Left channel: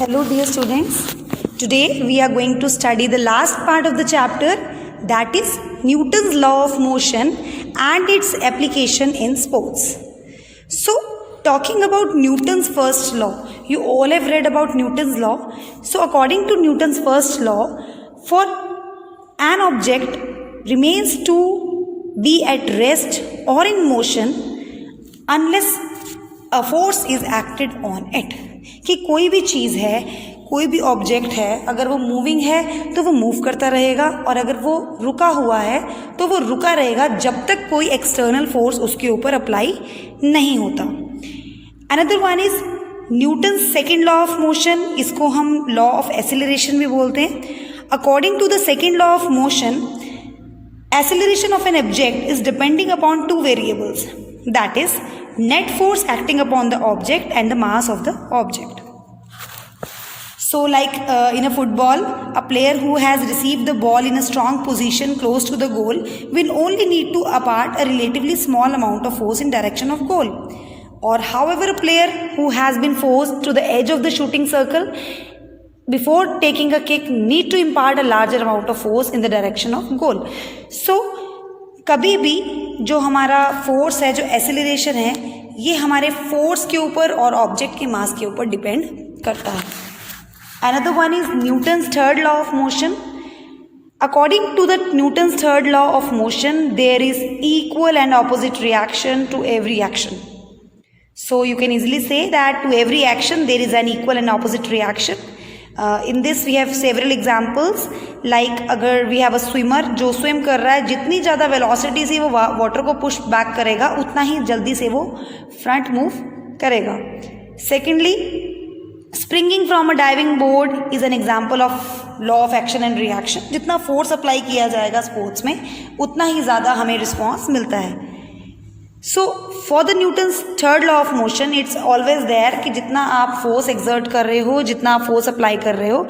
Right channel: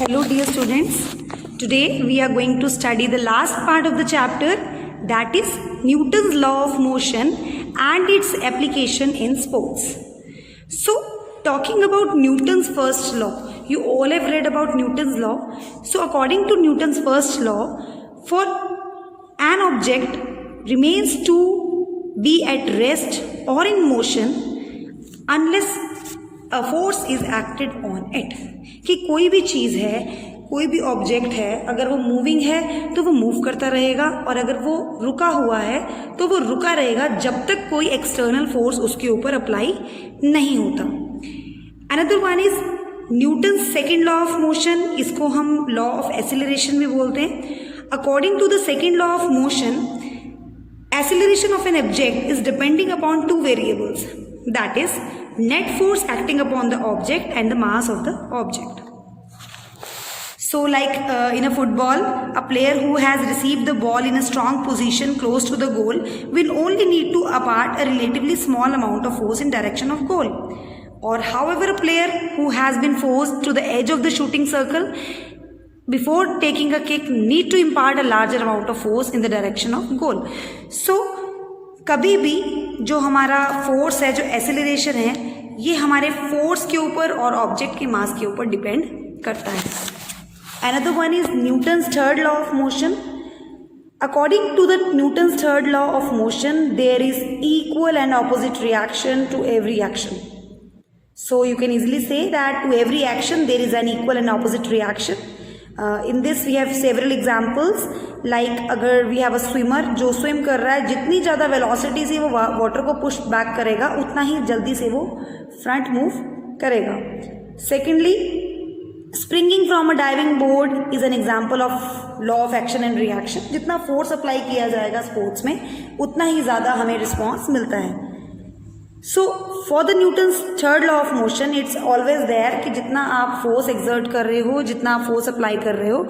Hello dear students, today we are going to study the last part of the chapter, that is Newton's law of motion and its application in sports. So talking about Newton's first law, you all have read about Newton's law. So according to Newton's first law, for an object remains to be at rest or in motion unless a force is acted on it. कि कोई भी चीज़ है, कोई भी object है, अगर वो moving है तो वो मूव करता रहेगा और अगर वो रुका हुआ है तो वो रुका रहेगा जब तक कोई एक्सटर्नल फोर्स उसके ऊपर अप्लाई नहीं होता. Another one is Newton second law of motion, इसको हम लॉ ऑफ एक्सेलरेशन भी बोलते हैं. According to the second law of motion, acceleration of an object is depending upon two variables, that is net force acting upon the object and the mass of the object. So like in a football, a player who has received the ball in a strong position close to the goal will only need to impart a relatively small amount of force in direction of goal. Or however, a player who has been forced to the edge of the shooting circle before taking a kick need to impart a larger amount of force in the direction of goal. So कभी भी जो हमारा force है, जो acceleration है, ये हमारे force के ऊपर और ऑब्जेक्ट के मास के ऊपर डिपेंड करता है. Another one is Newton's third law of motion. According to the Newton's third law of motion, there is equal and opposite reaction to every action. So you can easily say that to every action there is an equal and opposite reaction. In this we have several examples, like अगर we have a swimmer जो swim कर रहा है, जितनी ज़्यादा velocity से वो water को push back करेगा उतना ही जल्दी से वो front move करेगा. Secondly, springing from a diving board is an example of law of action and reaction. जितना force apply किया जाएगा sports में उतना ही ज़्यादा हमें response मिलता है. So for the Newton's third law of motion, it's always there कि जितना आप force exert कर रहे हो, जितना आप force apply कर रहे हो,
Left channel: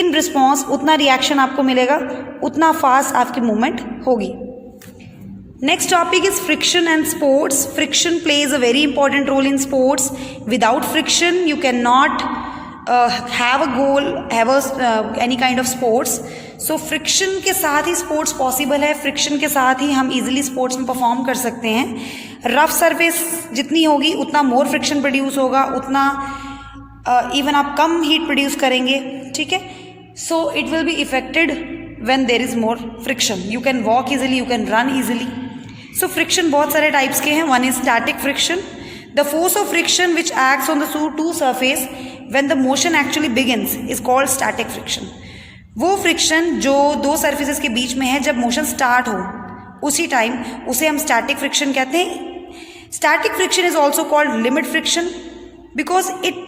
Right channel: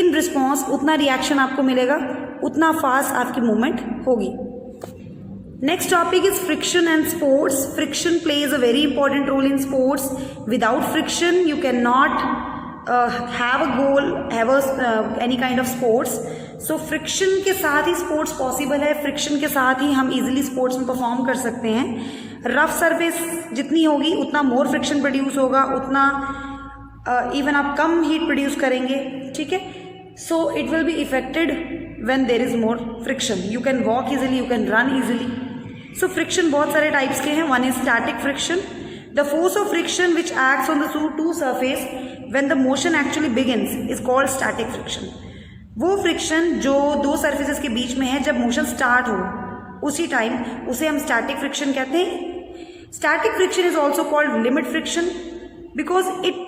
in response उतना reaction आपको मिलेगा, उतना fast आपकी movement होगी. Next topic is friction and sports. Friction plays a very important role in sports. Without friction, you cannot have a goal, have any kind of sports. So friction के साथ ही sports possible है. friction के साथ ही हम easily sports में perform कर सकते हैं. रफ सरफेस जितनी होगी उतना more friction produce होगा, उतना even आप कम heat produce करेंगे. ठीक है, so it will be affected when there is more friction. You can walk easily, you can run easily. So friction बहुत सारे types के हैं. One is static friction. The force of friction which acts on the two surface when the motion actually begins is called static friction. वो friction जो दो surfaces के बीच में है, जब मोशन स्टार्ट हो उसी टाइम उसे हम स्टैटिक फ्रिक्शन कहते हैं. Static friction is also called limit friction because it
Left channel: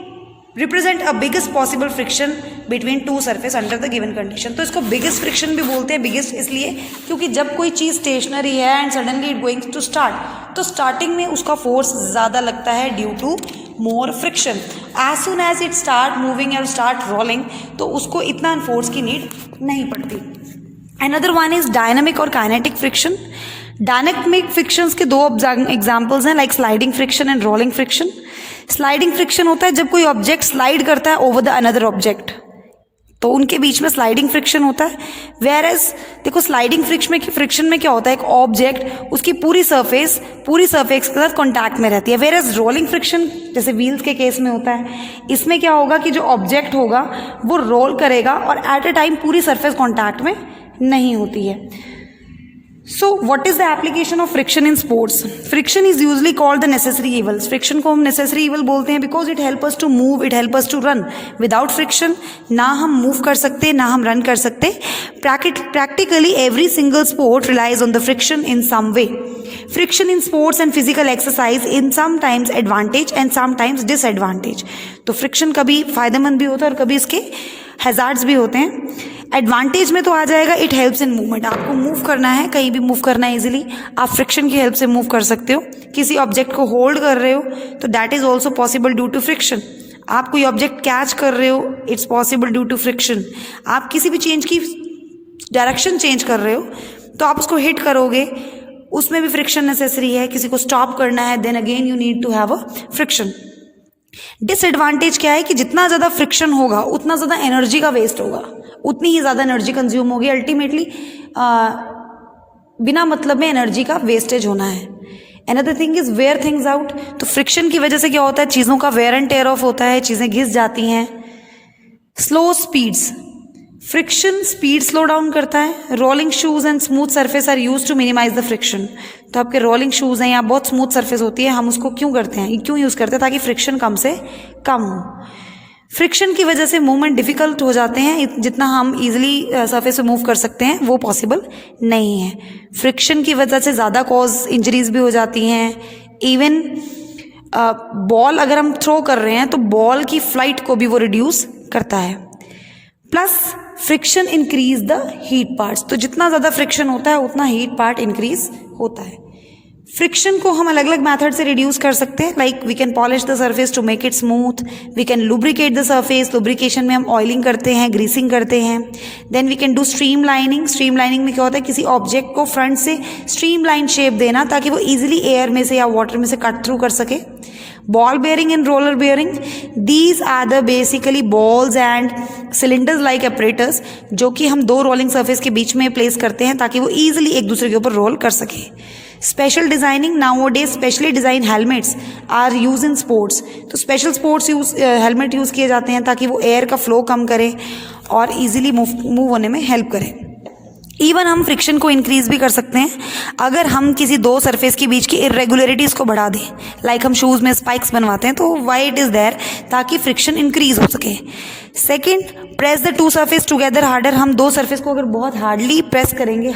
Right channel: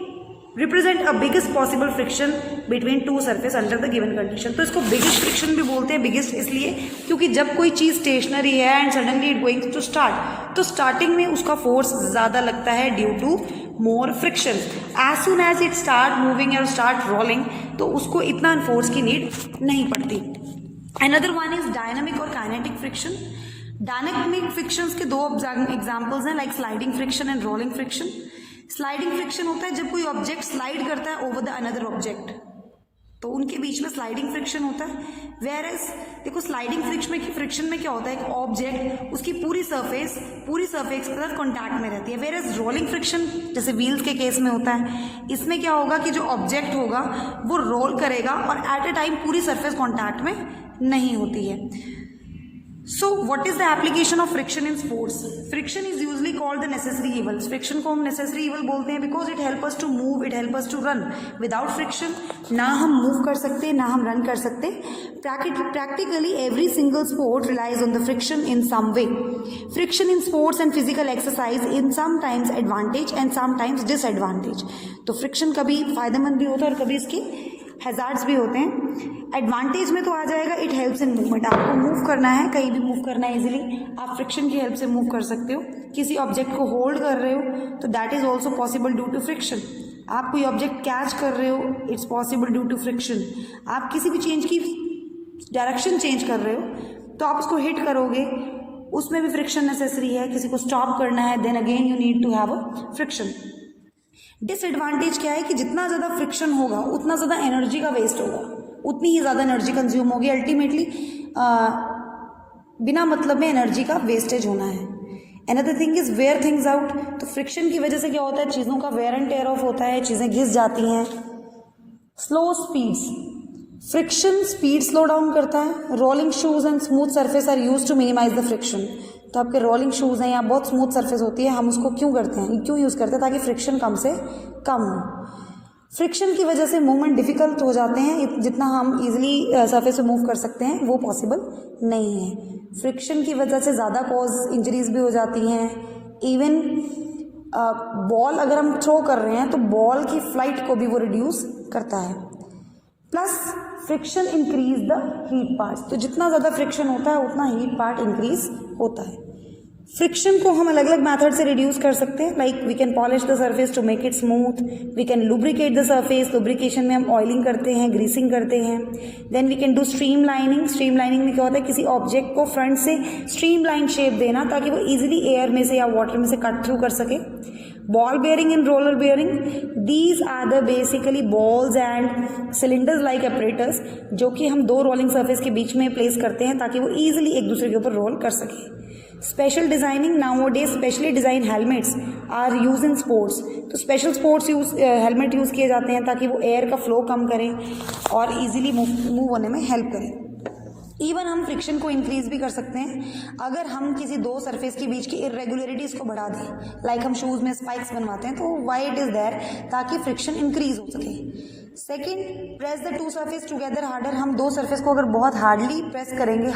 represent a biggest possible friction between two surface under the given condition. तो इसको बिगेस्ट फ्रिक्शन भी बोलते हैं. बिगेस्ट इसलिए क्योंकि जब कोई चीज़ स्टेशनरी है and suddenly it going to start, तो स्टार्टिंग में उसका फोर्स ज़्यादा लगता है due to more friction. As soon as it start moving और स्टार्ट रोलिंग तो उसको इतना फोर्स की नीड नहीं पड़ती. अनदर वन इज डायनामिक और काइनेटिक फ्रिक्शन. डायनामिक फ्रिक्शंस के दो एग्जांपल्स हैं, like sliding friction and rolling friction. Sliding friction होता है जब कोई ऑब्जेक्ट स्लाइड करता है ओवर द अनदर ऑब्जेक्ट, तो उनके बीच में स्लाइडिंग फ्रिक्शन होता है. वेयर एज देखो स्लाइडिंग फ्रिक्शन में क्या होता है, एक ऑब्जेक्ट उसकी पूरी सरफेस के साथ कांटेक्ट में रहती है. वेयर एज रोलिंग फ्रिक्शन जैसे व्हील्स के केस में होता है, इसमें क्या होगा कि जो ऑब्जेक्ट होगा वो रोल करेगा और एट अ टाइम पूरी सरफेस कांटेक्ट में नहीं होती है. So what is the application of friction in sports? Friction is usually called the necessary evil. Friction को हम necessary evil बोलते हैं because it help us to move, it help us to run. Without friction ना हम move कर सकते, ना हम run कर सकते. Practically every single sport relies on the friction in some way. Friction in sports and physical exercise in sometimes advantage and sometimes disadvantage. तो friction कभी फायदेमंद भी होता है और कभी इसके हैजार्ड्स भी होते हैं. एडवांटेज में तो आ जाएगा, इट हेल्प्स इन मूवमेंट. आपको मूव करना है, कहीं भी मूव करना है इजीली, आप फ्रिक्शन की हेल्प से मूव कर सकते हो. किसी ऑब्जेक्ट को होल्ड कर रहे हो तो that is also possible due to friction. आप कोई ऑब्जेक्ट कैच कर रहे हो, it's possible due to friction. आप किसी भी चेंज की डायरेक्शन चेंज कर रहे हो तो आप उसको हिट करोगे, उसमें भी फ्रिक्शन नेसेसरी है. किसी को स्टॉप करना है, then again you need to have a friction. Disadvantage क्या है कि जितना ज़्यादा फ्रिक्शन होगा उतना ज़्यादा एनर्जी का वेस्ट होगा, उतनी ही ज़्यादा एनर्जी कंज्यूम होगी, अल्टीमेटली बिना मतलब में एनर्जी का वेस्टेज होना है। Another thing is wear things out. तो फ्रिक्शन की वजह से क्या होता है, चीज़ों का वेयर एंड टेयर ऑफ होता है, चीज़ें घिस जाती हैं। Slow speeds, friction speed slow down करता है। Rolling shoes and smooth surface are use to minimise the friction. तो आपके रोलिंग शूज हैं या बहुत स्मूथ सरफेस होती है, हम उसको क्यों करते हैं, क्यों यूज़ करते हैं, ताकि फ्रिक्शन कम से कम हो। फ्रिक्शन की वजह से मूवमेंट डिफिकल्ट हो जाते हैं, जितना हम इजीली सरफेस पे मूव कर सकते हैं वो पॉसिबल नहीं है। फ्रिक्शन की वजह से ज़्यादा कॉज इंजरीज भी हो जाती हैं। इवन बॉल अगर हम थ्रो कर रहे हैं तो बॉल की फ्लाइट को भी वो रिड्यूस करता है। Plus friction increase the heat parts. तो जितना ज़्यादा फ्रिक्शन होता है उतना हीट पार्ट इंक्रीज होता है। फ्रिक्शन को हम अलग अलग मेथड से रिड्यूस कर सकते हैं, like we can polish the surface to make it smooth, we can lubricate the surface, lubrication में हम ऑयलिंग करते हैं, ग्रीसिंग करते हैं। Then we can do streamlining. Streamlining में क्या होता है, किसी ऑब्जेक्ट को फ्रंट से स्ट्रीम लाइन शेप देना ताकि वो ईजिली एयर में से या वाटर में से कट थ्रू कर सके। Ball bearing and roller bearing, these are the basically balls and cylinders like operators, जो कि हम दो रोलिंग सरफेस के बीच में प्लेस करते हैं ताकि वो ईजिली एक दूसरे के ऊपर रोल कर सके। Special designing, nowadays specially design helmets are use in sports. तो स्पेशल स्पोर्ट्स हेलमेट यूज़ किए जाते हैं ताकि वो एयर का फ्लो कम करे और इजीली मूव होने में हेल्प करें। इवन हम फ्रिक्शन को इंक्रीज भी कर सकते हैं अगर हम किसी दो सरफेस के बीच की इरेगुलरिटीज़ को बढ़ा दें, लाइक हम शूज़ में स्पाइक्स बनवाते हैं तो वाई इट इज़ देयर, ताकि फ्रिक्शन इंक्रीज हो सके। Second, press the two surface together harder. हम दो सरफेस को अगर बहुत हार्डली प्रेस करेंगे,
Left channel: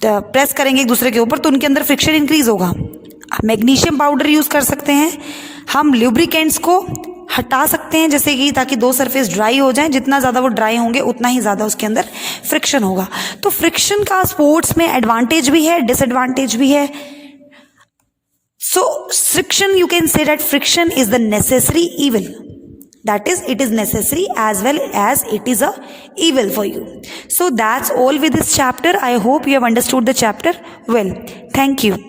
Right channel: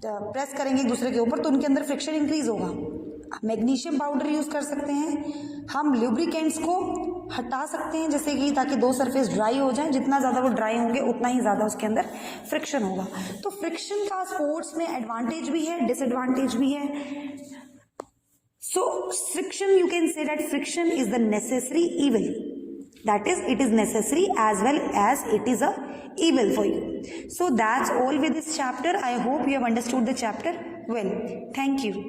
प्रेस करेंगे एक दूसरे के ऊपर, तो उनके अंदर फ्रिक्शन इंक्रीज होगा। मैग्नीशियम पाउडर यूज़ कर सकते हैं। हम ल्यूब्रिकेंट्स को हटा सकते हैं, जैसे कि ताकि दो सरफेस ड्राई हो जाएं, जितना ज़्यादा वो ड्राई होंगे उतना ही ज़्यादा उसके अंदर फ्रिक्शन होगा। तो फ्रिक्शन का स्पोर्ट्स में एडवांटेज भी है, डिसएडवांटेज भी है। So friction, you can say that friction is the necessary evil. That is, it is necessary as well as it is a evil for you. So that's all with this chapter. I hope you have understood the chapter well. Thank you.